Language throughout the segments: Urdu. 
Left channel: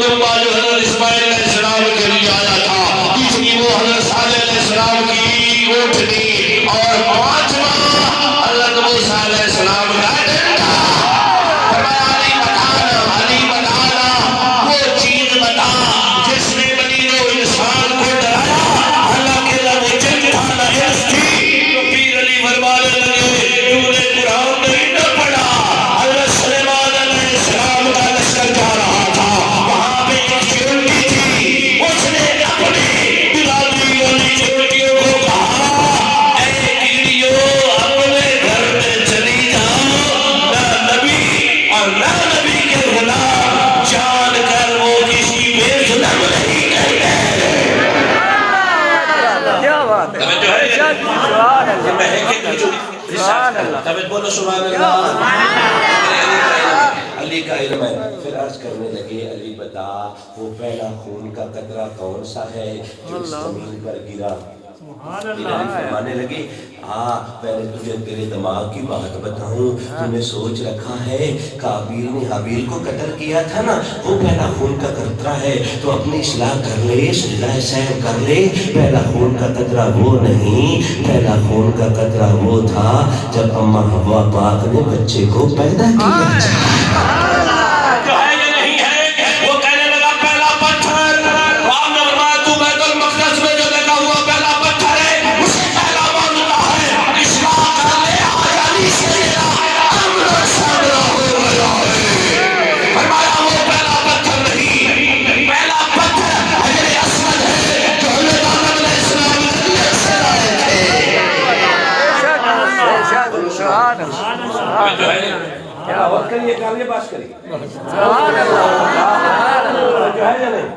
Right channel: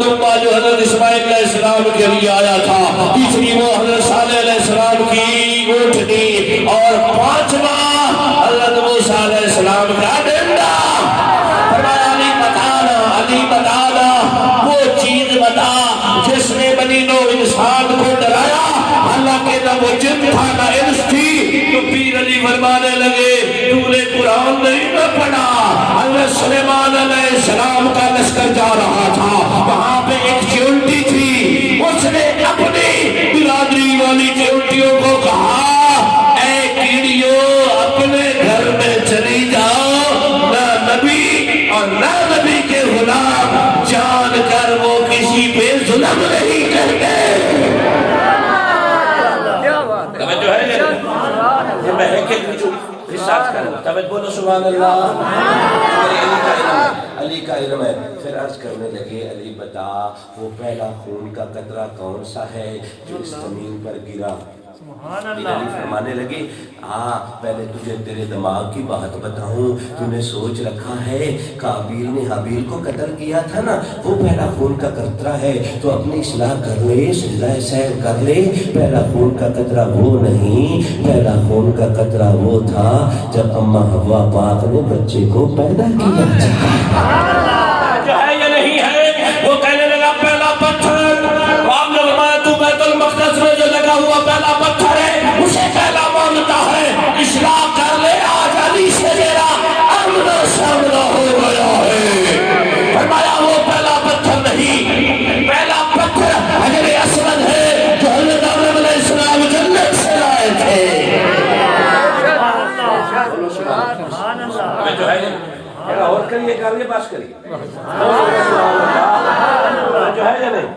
لمبا جو حضرت اسماعیل علیہ السلام کے لیے آیا تھا، تیسری وہ حضرت صالح علیہ السلام کی اونٹنی، اور پانچواں حضرت موسیٰ علیہ السلام کا ڈنڈا۔ فرمایا علی بتانا وہ چیز بتا جس نے بنی نوع انسان کو ڈرایا، حالانکہ نہ وہ جن تھا نہ انس تھی۔ تو پیر علی فرمانے لگے تو نے قرآن نہیں نہ پڑھا، حضرت سلیمان علیہ السلام کا لشکر جا رہا تھا، وہاں پہ ایک چونٹی تھی، اس نے اپنی برادری والی چونٹیوں کو کہا اے کیڑیوں اپنے گھر میں چلی جاؤ، نہ نبی اور نہ نبی کے غلام جان کر وہ کسی پہ ظلم نہیں کرتے۔ توجہ ہے یہ مہک کے جو حساب کرنا، توجہ بولو سبحان اللہ۔ علی کا علم ہے۔ پھر عرض کرنے لگے علی بتا وہ پہلا خون کا قطرہ کون سا ہے جو اس زمین پر گرا؟ پھر علی فرمانے لگے پہلے تجھے تیرے دماغ کی بات بتاؤں، تو نے سوچ رکھا ہے قابیل نے حابیل کو قتل کیا تھا نا، وہ پہلا خون کا قطرہ ہے، تو اپنی اصلاح کر لے، سجدہ سہو کر لے۔ پہلا خون کا قطرہ وہ نہیں، پہلا خون کا قطرہ وہ تھا جب اماں حوا پاک نے بچے کو پیدا کیا۔ یہ کریے بات کریے جو ہے یا نہیں؟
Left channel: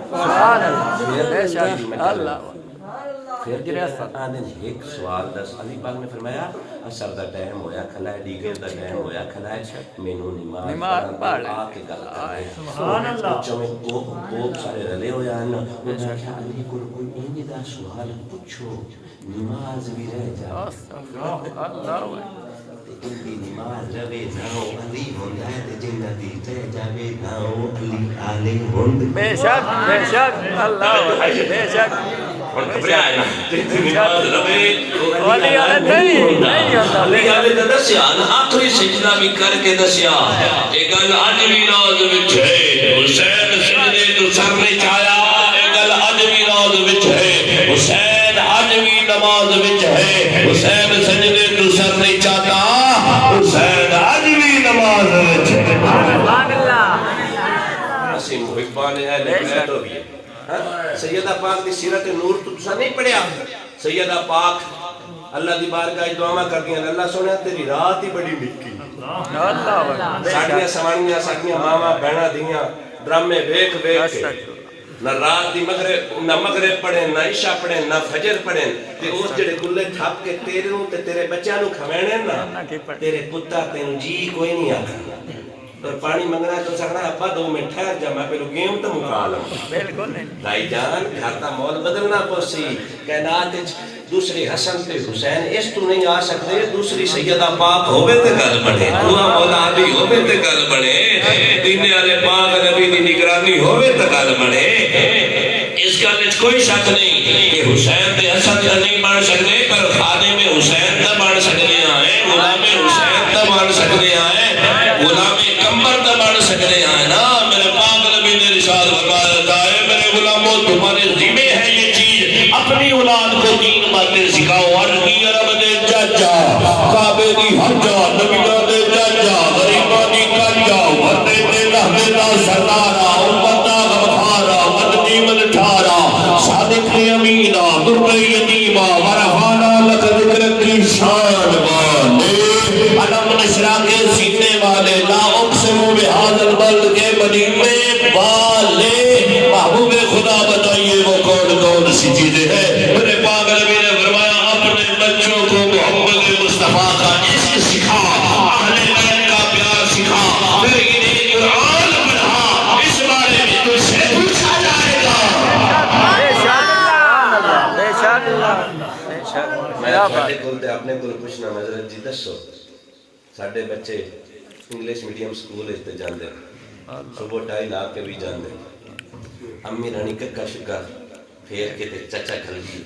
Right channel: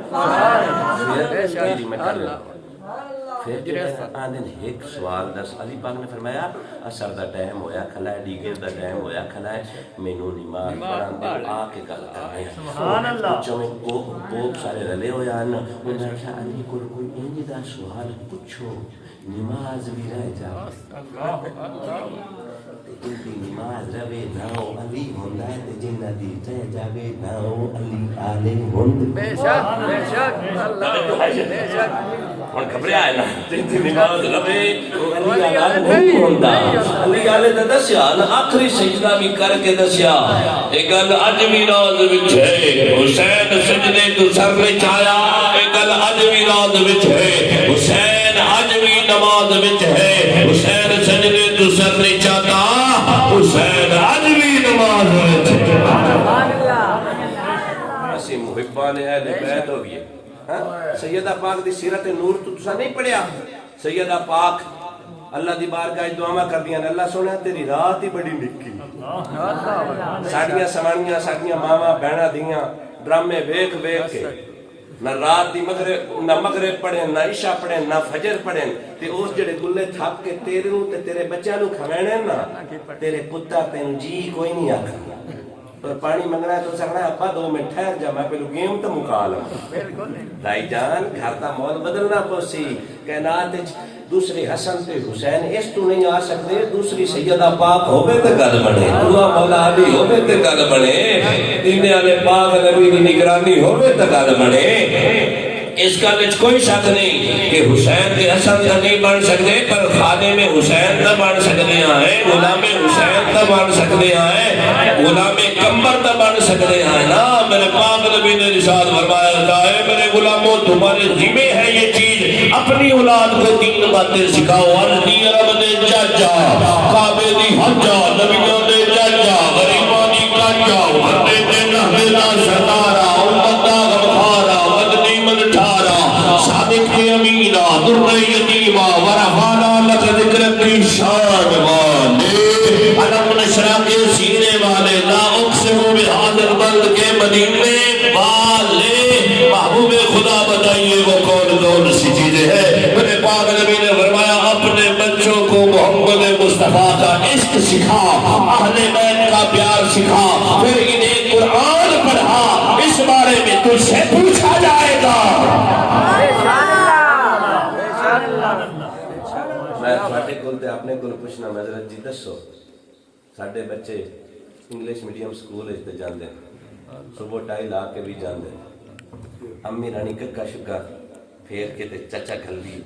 پھر آدھن ایک سوال دس علی پاک نے فرمایا اثر دا ٹائم ہویا کھلا ہے، دیگر دا ٹائم ہویا کھلا ہے، مینوں نماز پڑھان دے آ کے گل کر رہے ہیں۔ بچوں میں کوپ سارے رلے ہوئے ہیں، انہوں نے کہا علی کو کوئی انجی دا سوال پوچھو، نماز بھی رہ جاؤ، ان کی نماز روے جاؤ علی ہوندہ ہے تے جنتی تے جاوے جاؤ علی آلے ہوند۔ بے شک بے شک اللہ بے شک اور خبریں آئے نا جنتی نماز روے علی آلے نہیں ہوندہ۔ علی آلے تے دسیا آخری سجدہ بھی کر کے دسیا ایک گل اج بھی ناز وچ ہے، حسین سجدے تو سر نے چایا، ایک گل اج بھی ناز وچ ہے، حسین اج بھی نماز وچ ہے، حسین سجدے تو سر نے چاہتا، حسین آج بھی نماز ہے۔ اسی محبان اہل بیت ہو گئے۔ سیدہ پاک دی سیرت نور تو تسا نہیں پڑھیا؟ سیدہ پاک اللہ دی بارگاہ دعا کر دیا اللہ سونے تیری رات ہی بڑی نکی، ساڑیاں سوانیاں ساڑیاں ماما بہنا دیاں ڈرامے ویکھ ویکھ کے نہ رات دی مغرب پڑھیں نہ عشاء پڑھیں نہ فجر پڑھیں، تے اس جڑے گلے تھاپ کے تیرے نوں تے تیرے بچیاں نوں کھوینے نا تیرے پتر تینوں جی کوئی نہیں آکھنا، اور پانی منگنا ہے تو سکنا ابا 2 منٹ ٹھہر جا میں پہلو گیم تو مکا لوں۔ بھائی جان گھر دا مول بدلنا پوسی، کائنات دوسری حسن تے حسین اس تو نہیں آ سکتے، دوسری سیدہ پاک ہوئے تے گل بنے، دعا مولا علی ہوئے تے گل بنے، دینے والے پاک نبی دی نگرانی ہوئے تے گل بنے۔ اس گل وچ کوئی شک نہیں کہ حسین دے حسن تے نہیں بن سکتے، پر خادم حسین تے بن سکتے ہیں، غلام حسین تے بن سکتے ہیں، غلام کمبر تے بن سکتے ہیں نا۔ میرے پاک نبی نے ارشاد فرمایا ہے میرے غلاموں تمہارے ذمہ ہے یہ چیز، اپنی اولاد کو دین باتیں سکھاؤ، ارنی عرب دے چاچا کعبے دی حجا نبیوں دے چاچا غریباں دی کاجا وردے دے رہنے نا سردارا امتا غمخارا مدنی مدٹھارا صادق دے امینہ در یتیمہ ورحانا لک ذکر کی شان والے علم نشرہ کے سینے والے لا اقسم بہذا البلد کے مدینے والے محبوب خدا بتائیے وہ کون کون سی چیزیں ہیں؟ میرے پاک نبی نے فرمایا اپنے بچوں کو محمد مصطفیٰ کا عشق سکھا، اہل بیت کا پیار سکھا، پھر انہیں قرآن پڑھا، اس بارے میں تجھ سے پوچھا جائے گا۔ میں چھوٹے کھولتے اپنے کو پوچھنا مذرت جی دسو ساڑھے بچے انگلیش میڈیم سکول اس تے جاندے صبح ٹائی لا کے بھی جاندے امی رانی ککا شکا پھیر کے تے چچا کھل گئی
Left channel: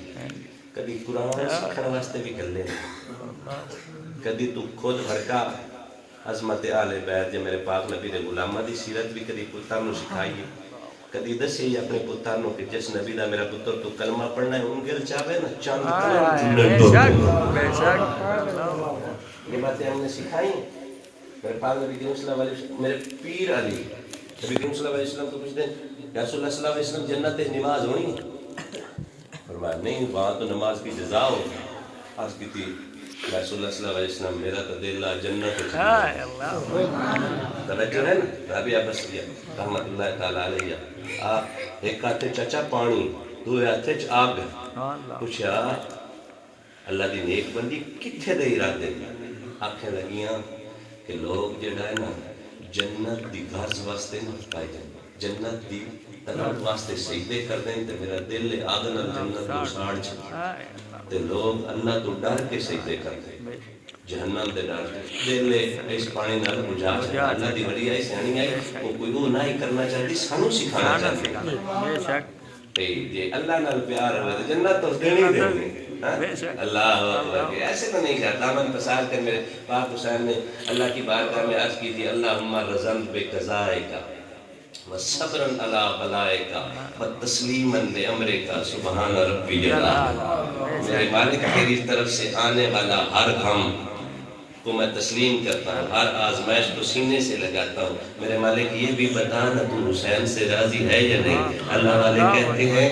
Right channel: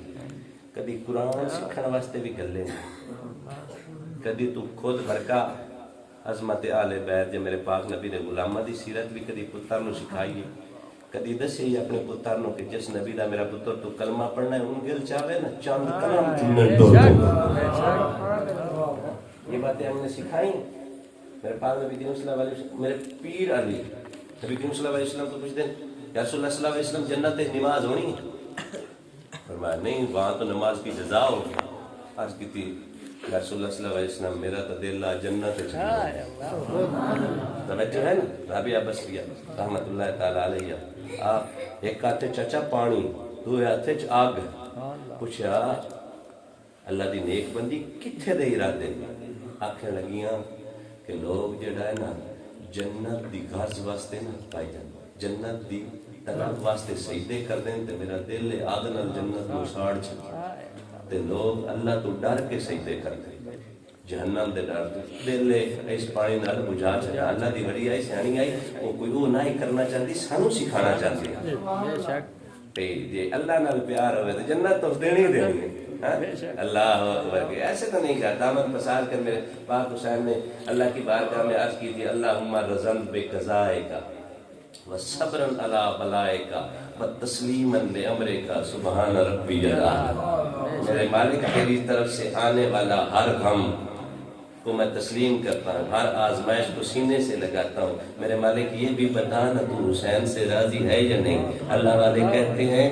کدی قرآن سکھن واسطے بھی کر لینا کدی تو خود بھرکا عظمت آل بیت جو میرے پاک نبی نے غلامہ دی سیرت بھی کدی پتر نو سکھائیے کدی دسے اپنے پتر نو کہ جس نبی دا میرا پتر تو کلمہ پڑھنا ہے انگل چاہے نا چاند کلام جنن تو یہ باتیں ہم نے سکھائی میرے پاک نبی کریم صلی اللہ علیہ وسلم میرے پیر علی نبی کریم صلی اللہ علیہ وسلم کو پوچھتے ہیں یا رسول اللہ صلی اللہ علیہ وسلم جنت نماز ہونی ہے فرمایا نہیں وہاں تو نماز کی جزا ہو عرض کی تھی یا رسول اللہ صلی اللہ علیہ وسلم میرا تو دل جنت توجہ ہے نا رابعہ بصریہ رحمت اللہ تعالیٰ علیہ ایک ہاتھ چچا پانی دو ہاتھ آگ پوچھا اللہ دی نیک بندی کتھے دے ارادے آنکھیں لگیاں کہ لوگ جڑا ہے نا جنت دی گھرز واسطے نہ پائی جائیں جنت دی طلب واسطے سجدے کر دیں تے میرا دل آگ نال جنت کو ساڑ چھا تے لوگ اللہ تو ڈر کے سجدے کر دیں جہنم دے ڈر دل اس پانی نال بجھا چھا اللہ دی بڑی آئی سیانی آئی وہ کوئی وہ نہ ہی کرنا چاہتی سانو سکھانا چاہتی تے جے اللہ نال پیار ہوئے تو جنت تو دینی دینی اللہ اکبر کہ ایسے تو نہیں چاہتا دامن پسال کر میرے پاک حسین نے اللہ کی بارگاہ میں عرض کی تھی اللہم رضن بے قضائے کا وصبرن علی بلائے کا وتسلیمن لے امرے کا سبحان ربی اللہ میرے مالک تیری طرف سے آنے والا ہر غم کو میں تسلیم کرتا ہوں ہر آزمائش کو سینے سے لگاتا ہوں میرے مالک یہ بھی بتانا تو حسین سے راضی ہے یا نہیں اللہ والے کہتے ہیں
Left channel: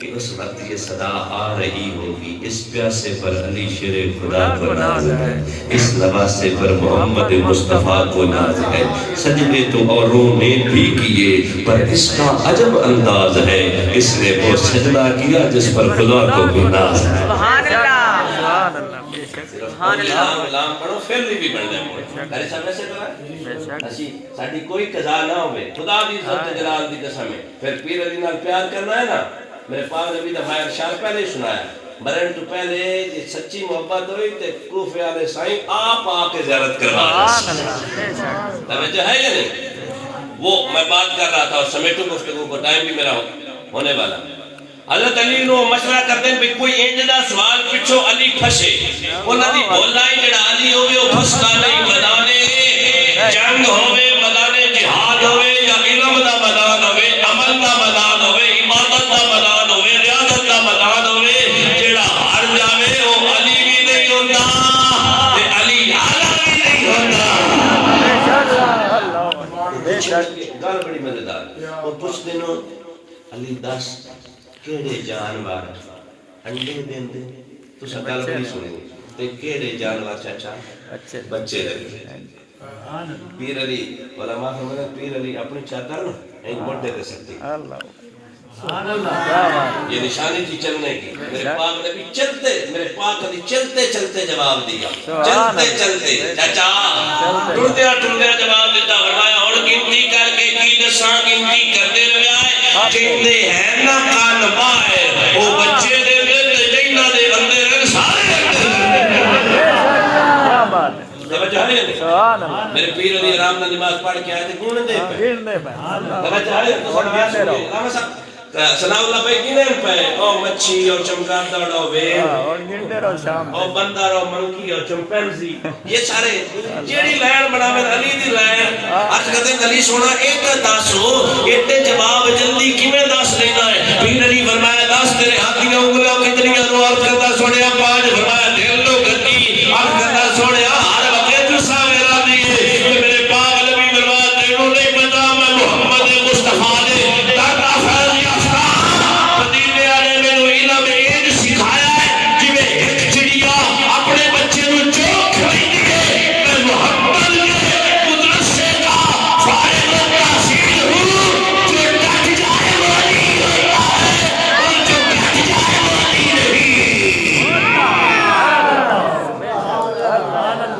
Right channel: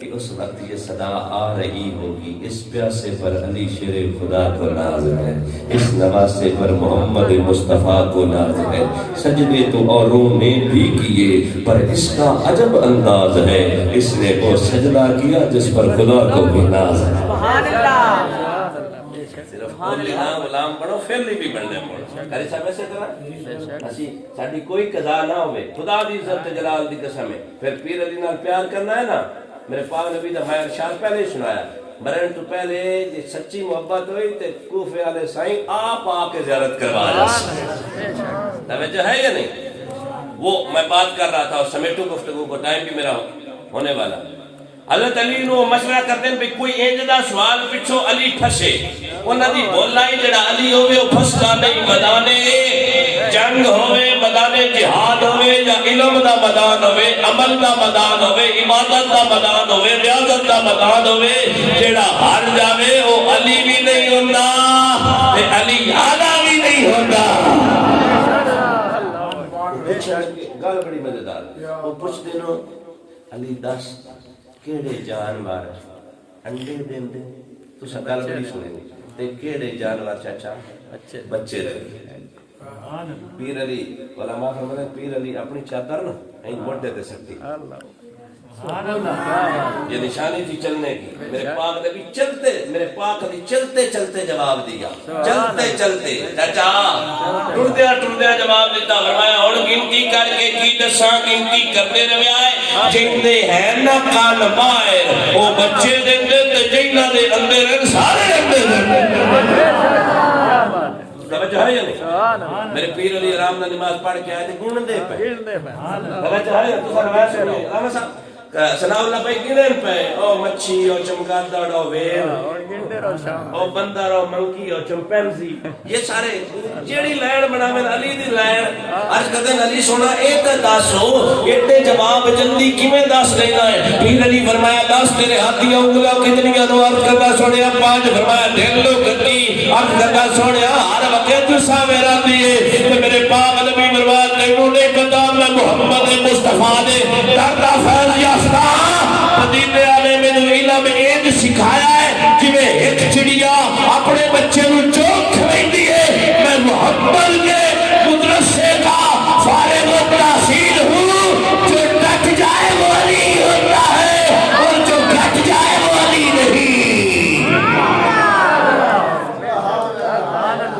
کہ اس وقت یہ صدا آ رہی ہوگی اس پیاسے پر علی شیر خدا کو ناز ہے اس نواسے پر محمد مصطفیٰ کو ناز ہے سجدے تو اوروں نے بھی کیے پر اس کا عجب انداز ہے اس نے وہ سجدہ کیا جس پر خدا کو بھی ناز ہے سبحان اللہ غلام بنو پھر بھی بننے موڑ کرے سب ایسے کرا اسی ساڑھی کوئی قضا نہ ہوئے خدا دی عزت جلال دی قسم ہے پھر پیر علی نال پیار کرنا ہے نا میرے پاک نبی دا میں ارشاد پہلے سنایا مرن تو پہلے جی سچی محبت ہوئی تے کوفے والے سائیں آپ آ کے زیارت کروا جا توجہ ہے یا نہیں وہ میں بات کر رہا تھا اور سمیٹو گفتگو کو ٹائم بھی میرا ہونے والا حضرت علی نو مشورہ کرتے ہیں کوئی اینجدہ سوال پچھو علی پھسے انہاں دی بولائی جڑا علی ہوئے وہ پھستا نہیں مدانے جنگ ہوئے مدانے جہاد ہوئے یا علم دا مدان ہوئے عمل دا مدان ہوئے عبادت دا مدان ہوئے ریاضت دا مدان ہوئے جڑا ہار جاوے وہ علی بھی نہیں ہوندہ تے علی آلہ بھی نہیں ہوندہ گال بڑی مزیدار وہ پوچھ دینوں علی دس کیڑے جانور انڈے دیں دیں تو سکال بڑی سنیں تے کیڑے جانور چاچا بچے دیں پیر علی علماء فرمانا پیر علی اپنی چادر نا نہیں موڑ دیتے سکتی یہ نشانی تھی چلنے کی میرے پاک نبی چلتے میرے پاک علی چلتے چلتے جواب دیا چلتے چلتے چاچا ٹردیا جواب دیتا فرمایا اور گنتی کر کے کی دساں گنتی کرتے روے آئے جندے ہیں نہ کان باہر وہ بچے دے دے جنہ دے اندر سارے اندر توجہ ہے نہیں میرے پیر علی آرام نہ نماز پڑھ کے آئے تھے گھوڑنے دے پہ توجہ ہے تو سب نماز پڑھ علامہ صاحب سلام اللہ بھائی گنن پہ او مچھی اور چمگادڑ اور ویل اور بندر اور منکی اور چمپینزی یہ سارے جیڑی لائن بنا میں علی دی لائن عرض کرتے ہیں علی سونا ایک دس ہو ایتے جواب جلدی کیویں دس لینا ہے پیر علی فرمایا دس تیرے ہاتھیاں انگلیاں کتنی رو عرض کرتا سوڑیا پانچ فرمایا دل لو گتی عرض کرتا سوڑیا ہر وقت جسا میرا دیئے کہ میرے پاک نبی فرمایا تینوں نے پتا میں محمد مصطفیٰ نے دردہ فیض یافتہ مدینے والے میں نے علم ایک سکھایا ہے جی میں ایک چڑیا اپنے بچے نو چوک کھلائی دیئے میں محمد کے مدرسے کا فارغ و تحصیل ہوں جو ڈٹ جائے وہ علی ہوتا ہے اور جو ڈٹ جائے وہ علی نہیں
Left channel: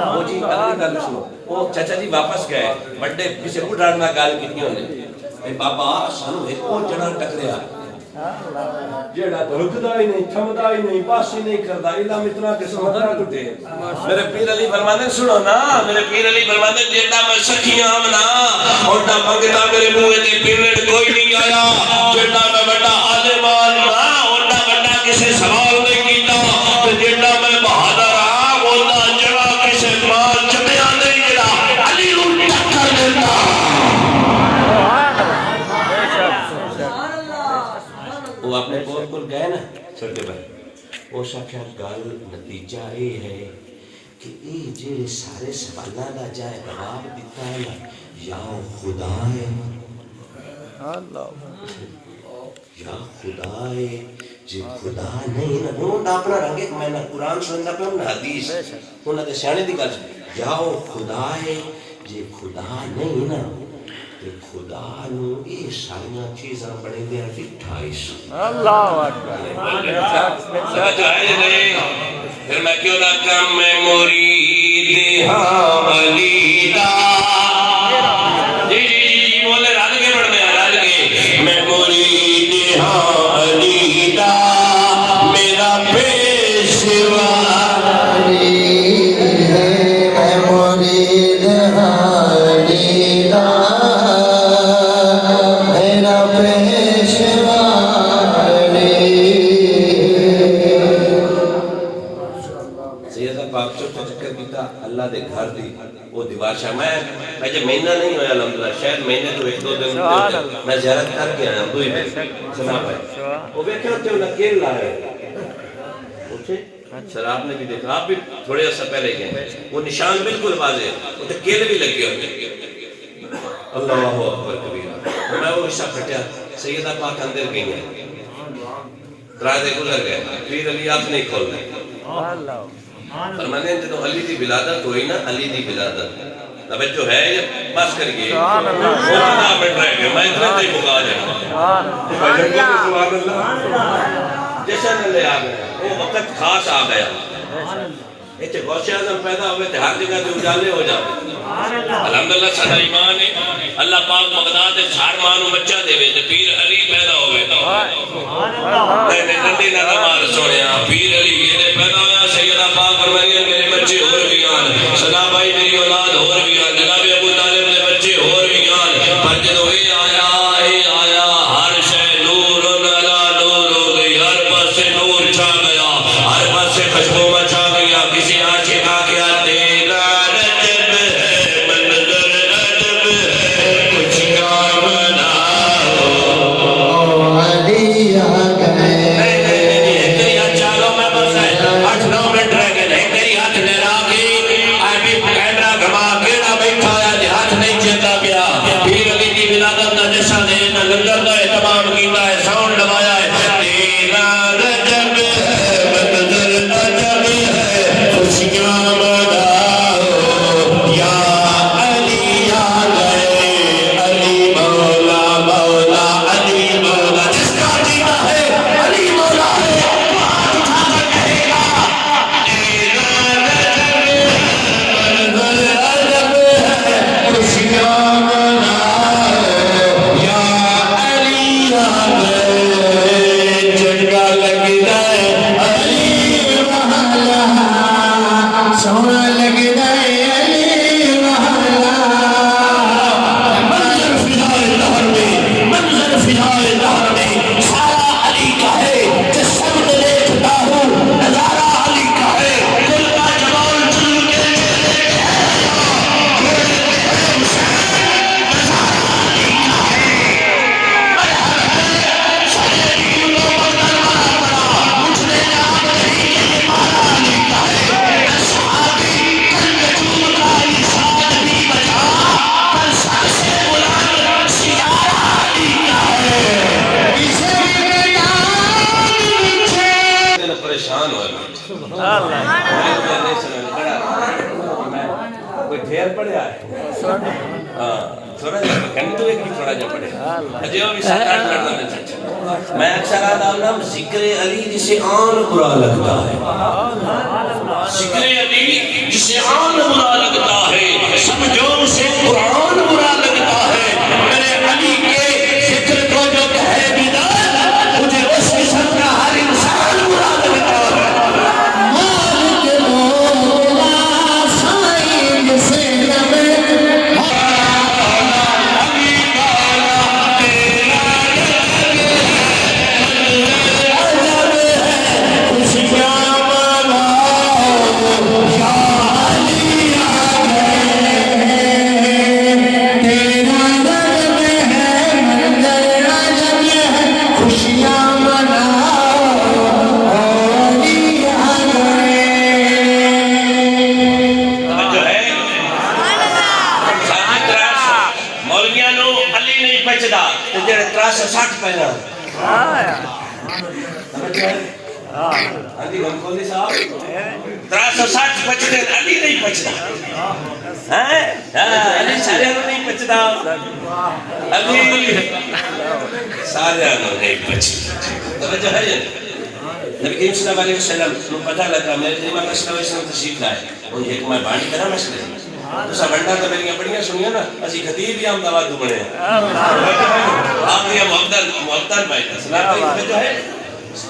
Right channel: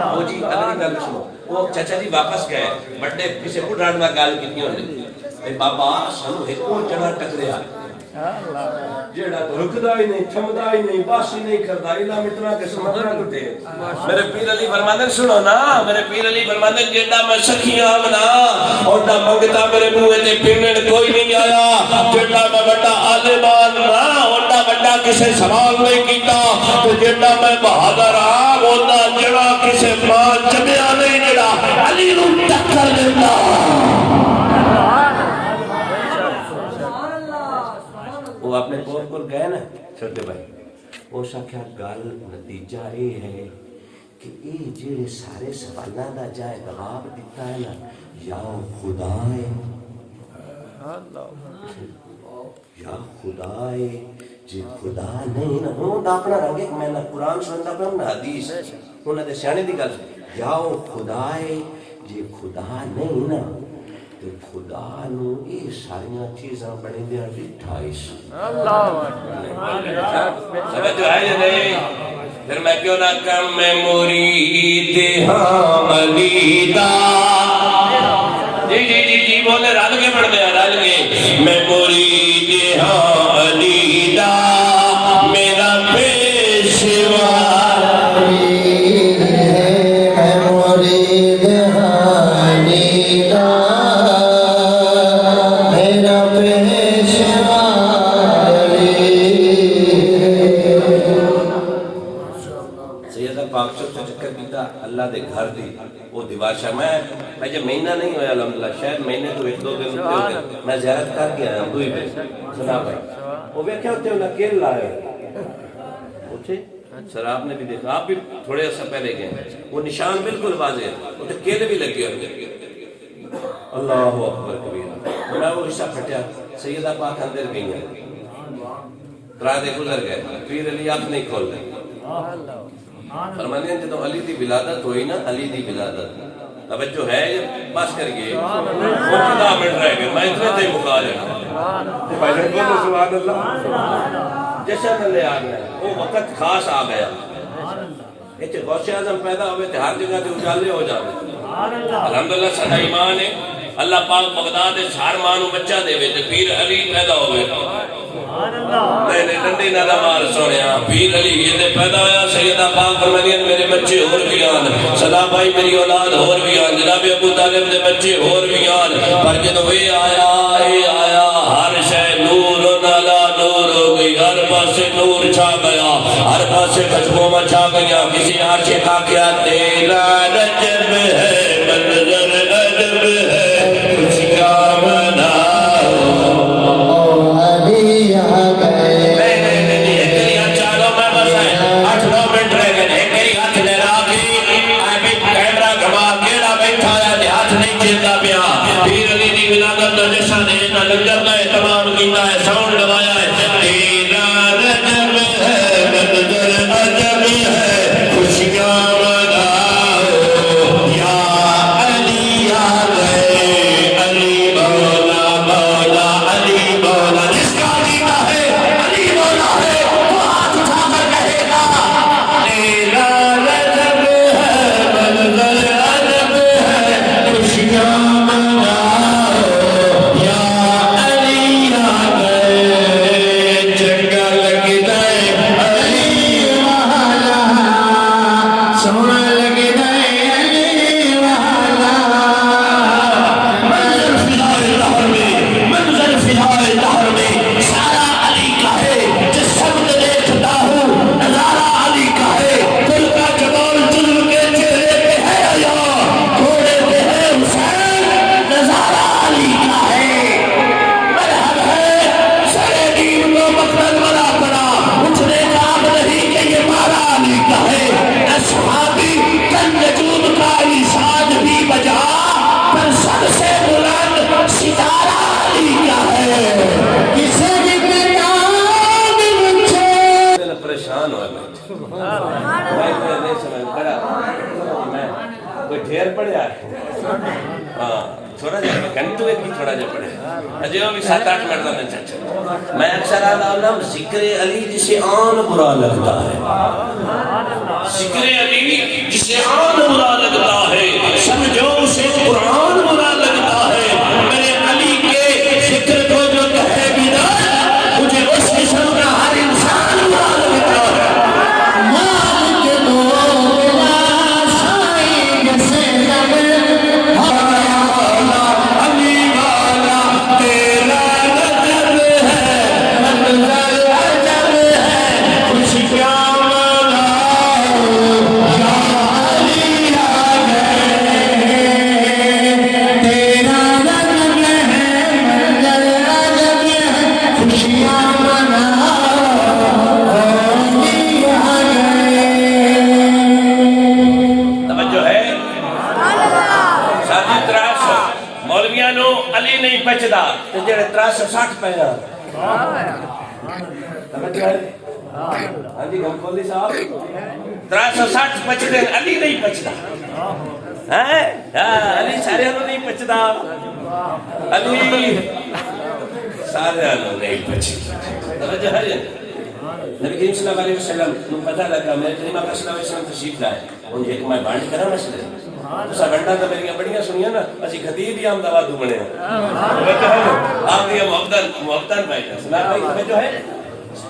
وہ جی علی نہ سنو وہ چچا جی واپس گئے بڑے پیچھے اڑاڑنا گال کتنی ہونے اے بابا سانو ایک کو جڑا ٹکریا جیڑا تو رکدا ہی نہیں تھمدا ہی نہیں پاسی نہیں کردا علم اتنا کہ سمجھنا کٹے میرے پیر علی فرماندے سنو نا میرے پیر علی فرماندے جیڑا میں سکھیاں منا اوندا منگتا میرے منہ تے پینن کوئی نہیں آیا کسے سوال نہیں کیتا تو جیڑا میں بہادر ہاں بولنا جڑا کسے مال جمعہ نہیں جڑا علی نو ٹکر دیتا وہ اپنے کور پر گئے نا چھوٹے بھائی وہ ساکھا گل نتیجہ یہ ہے کہ یہ جڑے سارے سوالوں دا جائے جواب دیتا ہے نا یا خدا ہے یا خدا ہے جی خدا نہیں نا انہوں نے اپنا رنگ ایک میں نہ قرآن سننا پہ انہوں نے حدیث انہوں نے سیانے دی گل یا خدا ہے جی خدا نہیں نا کہ خدا نو یہ ساریاں چیزاں بڑے دیا ڈٹھائیس اللہ سمجھو ہے نہیں پھر میں کیوں نہ کم میں مرید ہاں علی دا جی بولے رل کے پڑھ دیا رل کے میں مرید ہاں علی دا میرا پیشوا اللہ دے گھر دی وہ دیوار شاہ میں جب مہینہ نہیں ہویا الحمدللہ شاید مہینے تو ایک دو دن میں زیارت کر کے آیا دو ہی دن سنا بھائی وہ بیٹھے ہوتے انہیں کیل لائے اٹھے شراب نے بھی دیکھا آپ بھی تھوڑے عرصہ پہلے گئے وہ نشان بالکل واضح وہ تو کیل بھی لگے ہوتے اللہ اکبر کبیر میں وہ حصہ پھٹیا سیدہ پاک اندر گئی ہیں رادے گزر گئے پھر علی آنکھ نہیں کھول گئے فرمانے ہیں جدو علی دی ولادت ہوئی نا علی دی ولادت اب جو ہے یہ بس کر گئے وہ جدا بیٹھ رہے گئے میں اتنا کوئی مقال ہے جیسا نہ لے آ گیا وہ وقت خاص آ گیا ایچے غوث اعظم پیدا ہوئے تھے ہر جگہ سے اجالے ہو جاتے الحمدللہ سدا ایمان ہے اللہ پاک بغداد چھار مانو بچہ دے ہوئے تھے پیر علی پیدا ہوئے نہیں ننڈی نہ مار سونیا پیر علی یہ پیدا ہویا سیدہ پاک فرمائیں میرے بچے اور بھی آن سنا بھائی میری اولاد اور بھی آن جناب ابو طالب دے بچے اور بھی آن پر جدو یہ آیا ہر شے نور نالا نور ہو گئی ہر پاس نور چھا گیا ہر پاس خوشبو میں چھا گیا کسی عاشقہ کیا تیرا رجب ہے منظر عجب ہے کچھ کام نہ ہو علی آ گئے نہیں ایک کری ہاتھ چالوں میں بس ہے 8-9 منٹ رہ گئے ایک کری ہاتھ لہرا گئی آئے بھی کیمرہ گھما گیڑا بیٹھا ہے ہاتھ نہیں چیتا گیا پیر علی کی ولادت جیسا دے کا لنگر کا اہتمام کیتا ہے ساؤنڈ لگایا ہے تیرا رجب ہے منظر عجب ہے خوشیاں کوئی ڈھیر پڑے آئے تھوڑا جا پکن تو ایک ہی تھوڑا جا پڑے اجیو بھی 7-8 لڑنا میں چاہتا میں اکثر آدھا ذکر علی جسے آن برا لگتا ہے ذکر علی جسے آن برا لگتا ہے سمجھو اسے قرآن برا لگتا ہے میرے علی کے ذکر کو جو کہے بدار مجھے اس قسم کا ہر انسان برا لگتا ہے 360 پیرا سمجھ آئے ہاں جی غم کھولی صاحب 360 پچھتے علی نہیں پچھتا علی سارے نہیں پچھتا علی سارے نہیں پچھتا توجہ ہے نبی کریم صلی اللہ علیہ وسلم کو پتہ لگا میرے کریمہ کا صلی اللہ علیہ وسلم تشریف لائے اور ایک میں بانڈ کرا مسئلے اسا بنڈا تو میری بڑیاں سنیا نا اسی خطیب ہی ہم دعوت بنے ہیں آپ یہ محبتان بھائی سلام بھائی توجہ ہے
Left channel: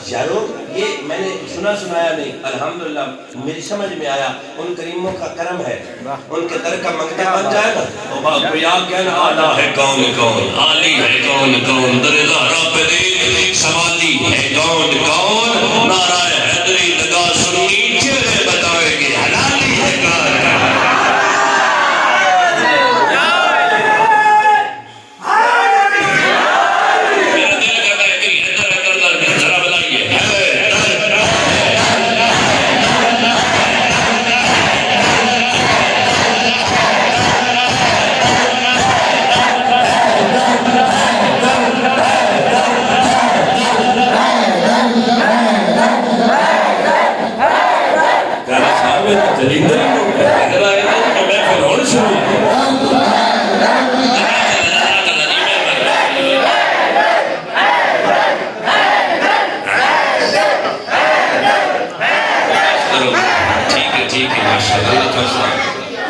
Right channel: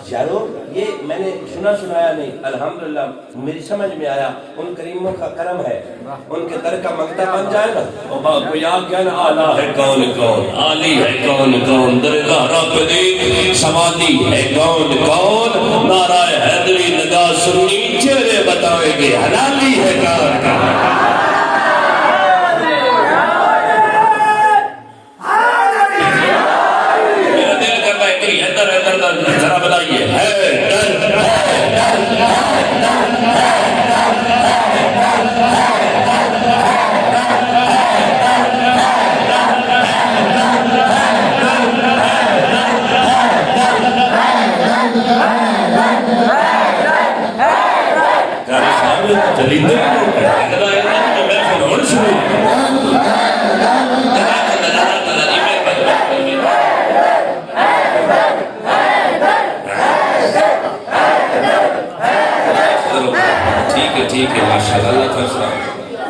یارو یہ میں نے سنایا نہیں الحمدللہ میری سمجھ میں آیا ان کریموں کا کرم ہے ان کے در کا منگتا بن جائے نا تو یاد کیا نا آلہ ہے کون کون عالی ہے کون کون در غہرہ پہ دیکھ سماتی ہے کون کون نعرہ حیدری نگاہ سنی چہرے بتائے گے حلالی ہے کون کون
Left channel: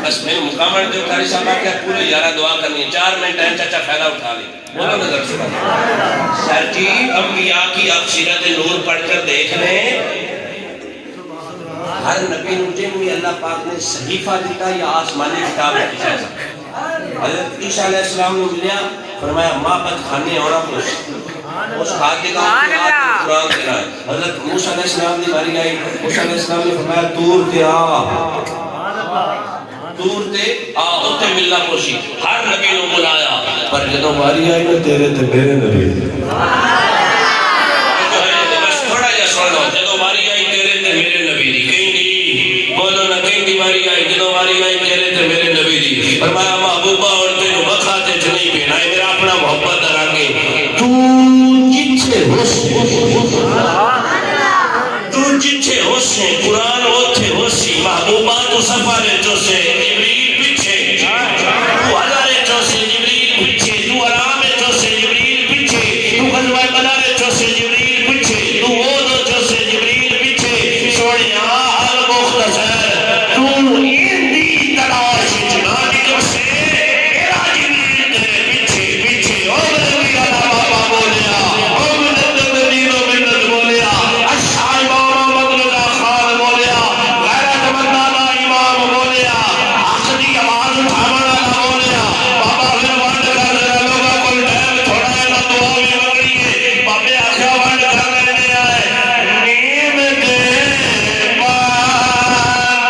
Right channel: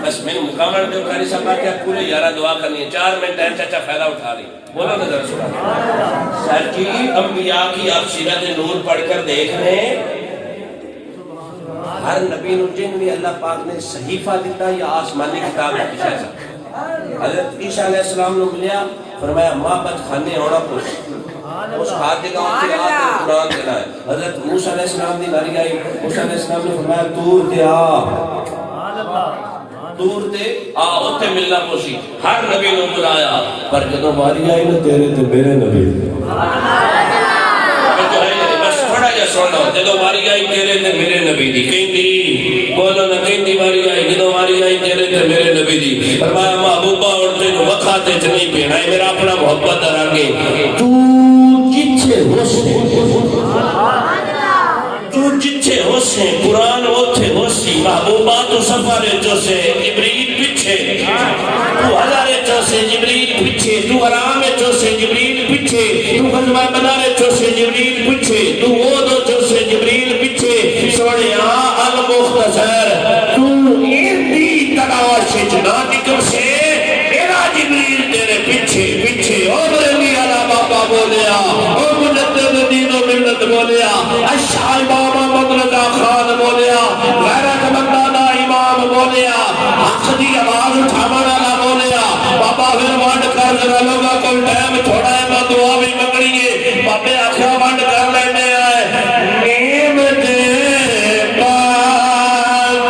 بس میں مقامر دے قاری صاحب آکے پورے 11 دعا کرنی ہے 4 منٹ ٹائم چاچا فائدہ اٹھا لی بولو نظر سنا سر جی انبیاء کی آپ سیرت نور پڑھ کر دیکھ لیں ہر نبی نجم میں اللہ پاک نے صحیفہ دیتا یا آسمانی کتاب ہے حضرت عیسیٰ علیہ السلام نے ملیا فرمایا ماں بد خانے ہونا پوچھ اس خاتق آپ کے آت قرآن کے لائے حضرت موسیٰ علیہ السلام نے باری آئی موسیٰ علیہ السلام نے فرمایا تور تے دور تے ہوتے ملنا پوشی ہر نبی نو بلایا پر جدو باری آئی نا تیرے تے میرے نبی بس تھوڑا یا سوڑا جدو باری آئی تیرے تے میرے نبی دی کہیں دی بولو نا کہیں دی باری آئی جدو باری آئی تیرے تے میرے نبی دی فرمایا محبوبہ اور تینو بکھاتے چنئی پہنا ہے میرا اپنا محبت درانگے تو جتھے ہو سے قرآن ہوتے ہو سی محبوبات و سفارے جو سے جبریل پیچھے تو ہزارے جو سے جبریل پیچھے تو آرام جو سے جبریل پیچھے تو غزوہ بدارے جو سے جبریل پیچھے تو وہ جو سے جبریل پیچھے سوڑے المختصر تو ایندی تلاش جنانی جو سے ایرا جبریل تیرے پیچھے پیچھے عمرنی علا بابا بولیا عمرنی دنید و منت بولیا اشعائبہ خان بولیا غیرت مندانہ امام بولیا آخری آواز اٹھانا بولیا بابا پھر وانڈ کر جنا لوگا کوئی ٹائم تھوڑا ہے میں دعا بھی مگڑیے بابے آخر وانڈ کر لینے آئے نیم دے باتتا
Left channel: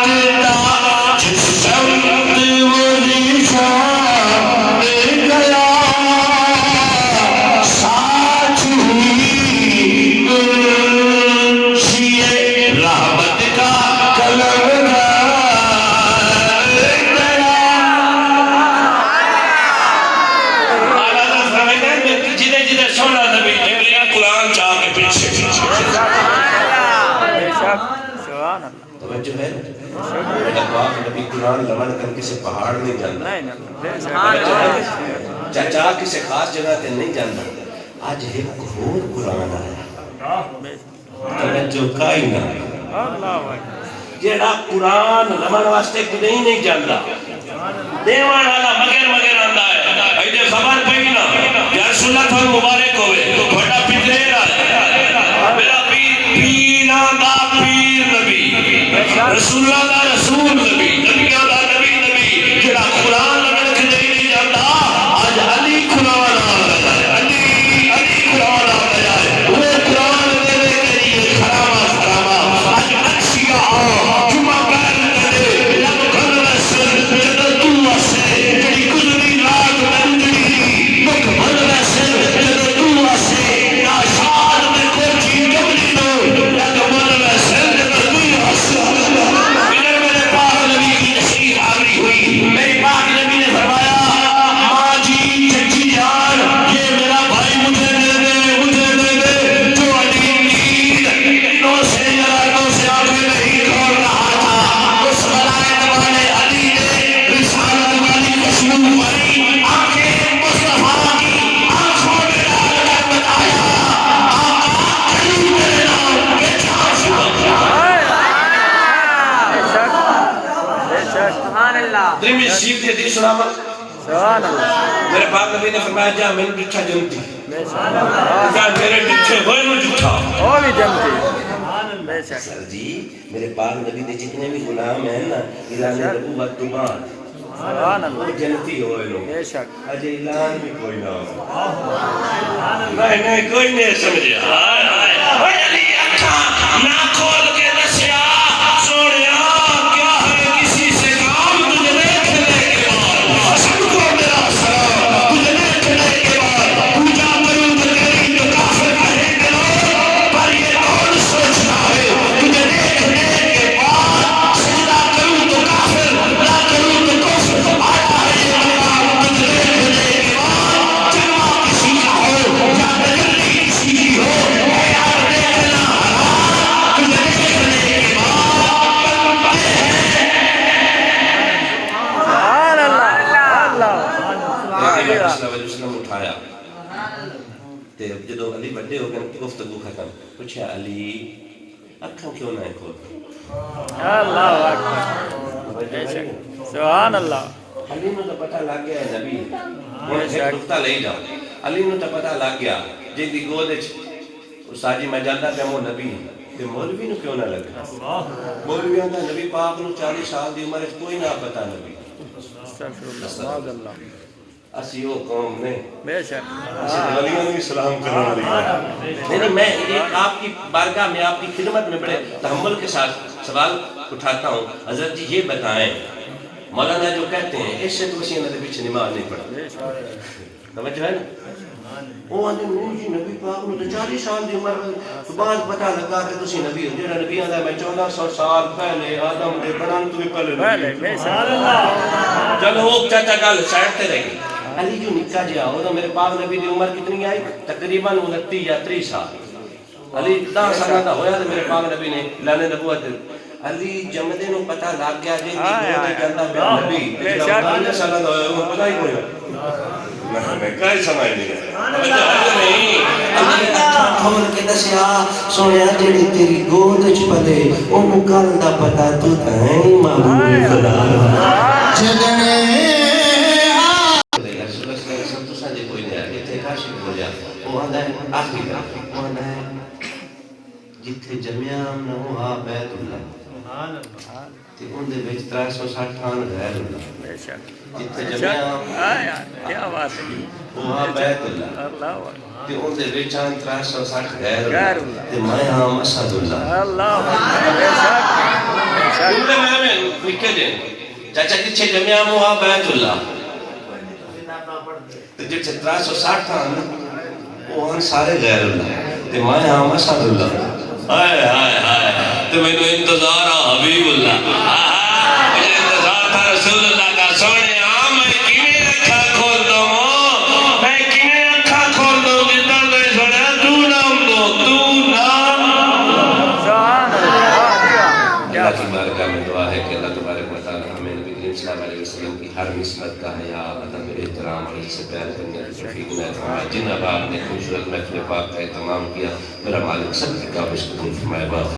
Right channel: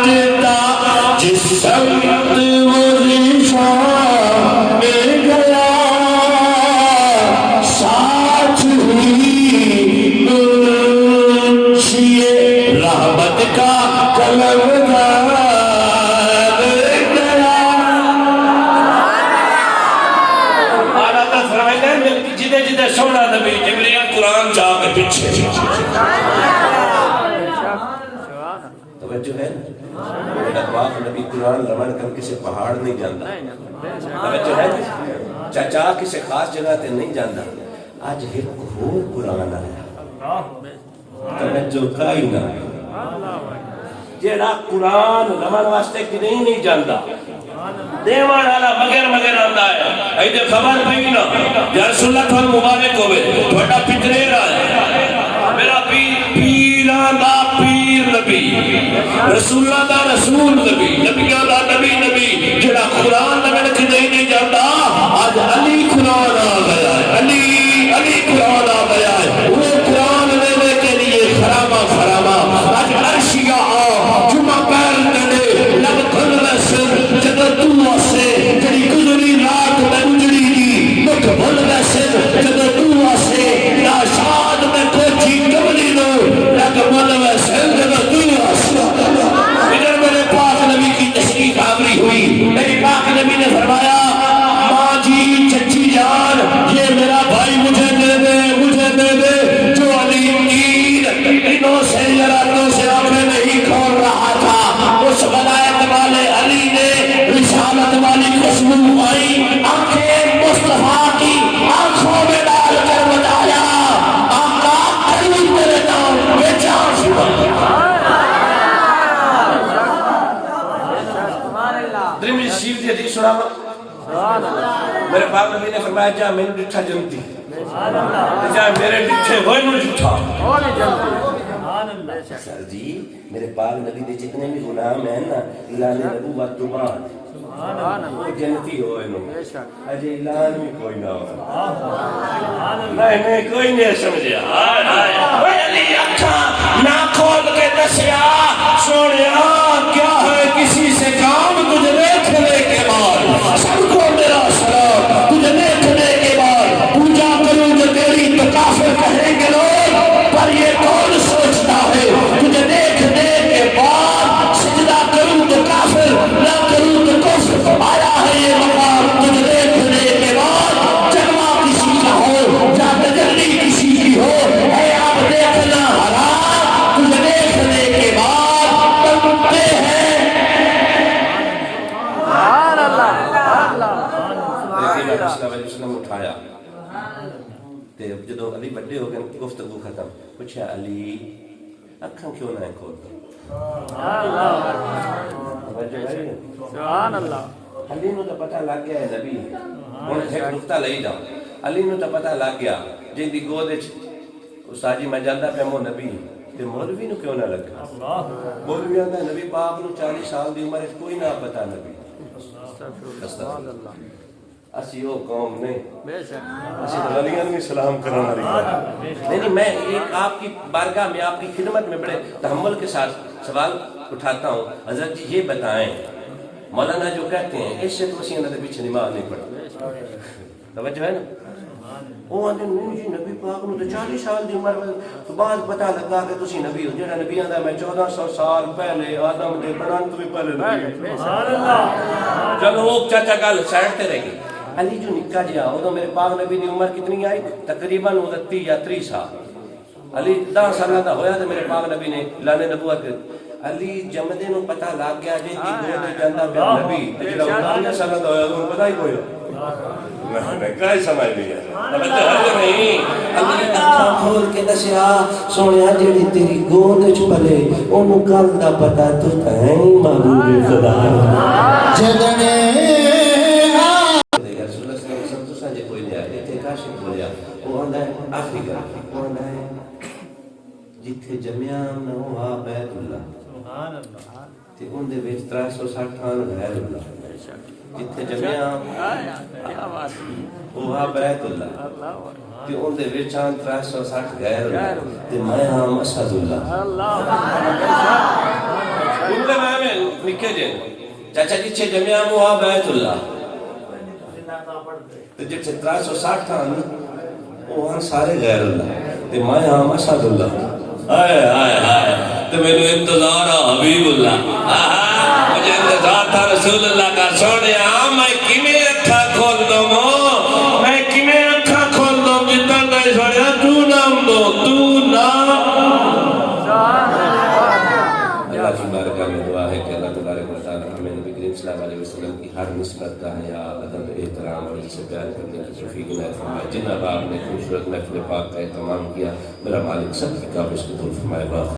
جس سمت وہ نشان گیا ساتھ ہی سیے رحمت کا قلم جدے جدے سونا نبی جبریل قرآن چاہ کے پیچھے توجہ ہے میرا پاک نبی قرآن لمن کر کسی پہاڑ نہیں جاندہ توجہ ہے چاچا کسی خاص جگہ تے نہیں جاندہ آج ایک اور قرآن آیا توجہ کائی نہ جیڑا قرآن لمن واسطے کدیں نہیں جاندہ دیوان حالا مگر آندہ ہے ایدے خبر پہی نا یا رسول اللہ تھوڑا مبارک ہوئے تھوڑا پترے رہا میرا پیران دا پیر نبی رسول اللہ دا رسول نبی نبیان دا نبی جیڑا قرآن لمن کدیں نہیں جاندہ آج علی قرآن آ گیا ہے علی قرآن آ گیا ہے وہ قرآن لینے کے لیے خرامہ آج عرشیہ آ جمعہ پیر کرے لگ کھل میں سر جدر دعا سے جڑی گزری رات میں اندری دی مکھ بھل میں سر جدر دعا سے ناشاد میں کوچی کبلی دو لگ بھل میں سر جدر دعا سے اگر میرے پاک نبی ترمذی شریف کی حدیث سناواں میرے پاک نبی نے فرمایا جا میں ڈٹھا جنتی جا میرے ڈٹھے ہوئے نو ڈٹھا سر جی میرے پاک نبی دے جتنے بھی غلام ہیں نا اعلان نبوت تو بعد وہ جنتی ہوئے لو اجے اعلان بھی کوئی نہ ہو میں نے کوئی نہیں سمجھا اے علی اکھاں نہ کھول کے دسیا سونیا کیا ہے کسی سے کام تجھے دیکھنے کے بعد سب کو میرا سلام تجھے دیکھنے کے بعد پوجا کروں گے تیری تو کافر کہیں گے لوگ پر یہ کون سوچتا ہے تجھے دیکھنے کے بعد سجدہ کروں تو کافر نہ کروں تو کفر آیا ہے یہ مقام تجھے دیکھنے کے بعد جلوہ کسی کا ہو یا تجلی کسی کی ہو اے آپ دیکھنا حرام تجھے دیکھنے کے بعد بنتے ہیں وسلم اٹھایا تے جدو علی بڑے ہو گئے گفتگو ختم پوچھا علی اکھاں کیوں نہ کھول سبحان اللہ علی نو تو پتہ لگ گیا ہے نبی ہن ایک نقطہ لے جاؤ علی نو تو پتہ لگ گیا جن دی گود وچ ساجی میں جاندا پیا وہ نبی تے مولوی نو کیوں نہ لگا مولوی آندا نبی پاک نو 40 سال دی عمر وچ کوئی نہ پتہ نبی اسی وہ قوم نے بے شک اسی ولیوں نے سلام کرانا نہیں نہیں میں ایک آپ کی بارگاہ میں آپ کی خدمت میں بڑے تحمل کے ساتھ سوال اٹھاتا ہوں حضرت جی یہ بتائیں مولانا جو کہتے ہیں اس سے تو اسی اندر پیچھے نماز نہیں پڑھا سمجھ ہے نا وہ آدھے نہیں جی نبی پاک نے تو 40 سال دی عمر تو بعد پتہ لگا کہ تسی نبی ہو جڑا نبی آندا میں 1400 سال پہلے آدم دے بنان تو بھی پہلے سبحان اللہ چلو وہ چاچا گل سائڈ تے رہ گئی علی جو نکا جہا وہ تو میرے پاک نبی دی عمر کتنی آئی تقریباً 29 یا 30 سال علی 10 سالہ دا ہویا تو میرے پاک نبی نے اعلان نبوت علی جمدے نو پتہ لگ گیا جی دی گود جاندا پیا نبی جڑا 19 سالہ دا ہویا وہ پتہ ہی کوئی میں کئی سمجھ نہیں توجہ ہے نہیں علی اکھاں کھول کے دسیا سونیا جڑی تیری گود وچ پلے اونوں گل دا پتہ تو ہے محبوب خدا جگنے آخری گل وہ آندا ہے جتھے جمیا نہ ہوا بیت اللہ تے اون دے وچ 360 غیر اللہ جتھے جمیا کیا بات ہے وہ بیت اللہ تے اون دے وچ 360 غیر اللہ تے میں ہاں اسد اللہ اللہ اون دے میں نکے دے چاچا جتھے جمیا ہوا بیت اللہ تے جتھے 360 وہ ہن سارے غیر اللہ تے میں ہاں اسد اللہ ہائے ہائے ہائے تے مینوں انتظار آ حبیب اللہ مجھے انتظار تھا رسول اللہ کا سونیا میں کیویں اکھاں کھول دوں میں کیویں اکھاں کھول دوں جداں میں سونیا تو نام دو تو نام اللہ کی بارگاہ میں دعا ہے کہ اللہ تبارک و تعالی ہمیں نبی کریم صلی اللہ علیہ وسلم کی ہر نسبت کا حیا ادب احترام اور اس سے پیار کرنے کی توفیق عطا فرمائے جن آپ نے خوبصورت محفل پاک کا اہتمام کیا میرا مالک سب کی کاوش کو فرمائے.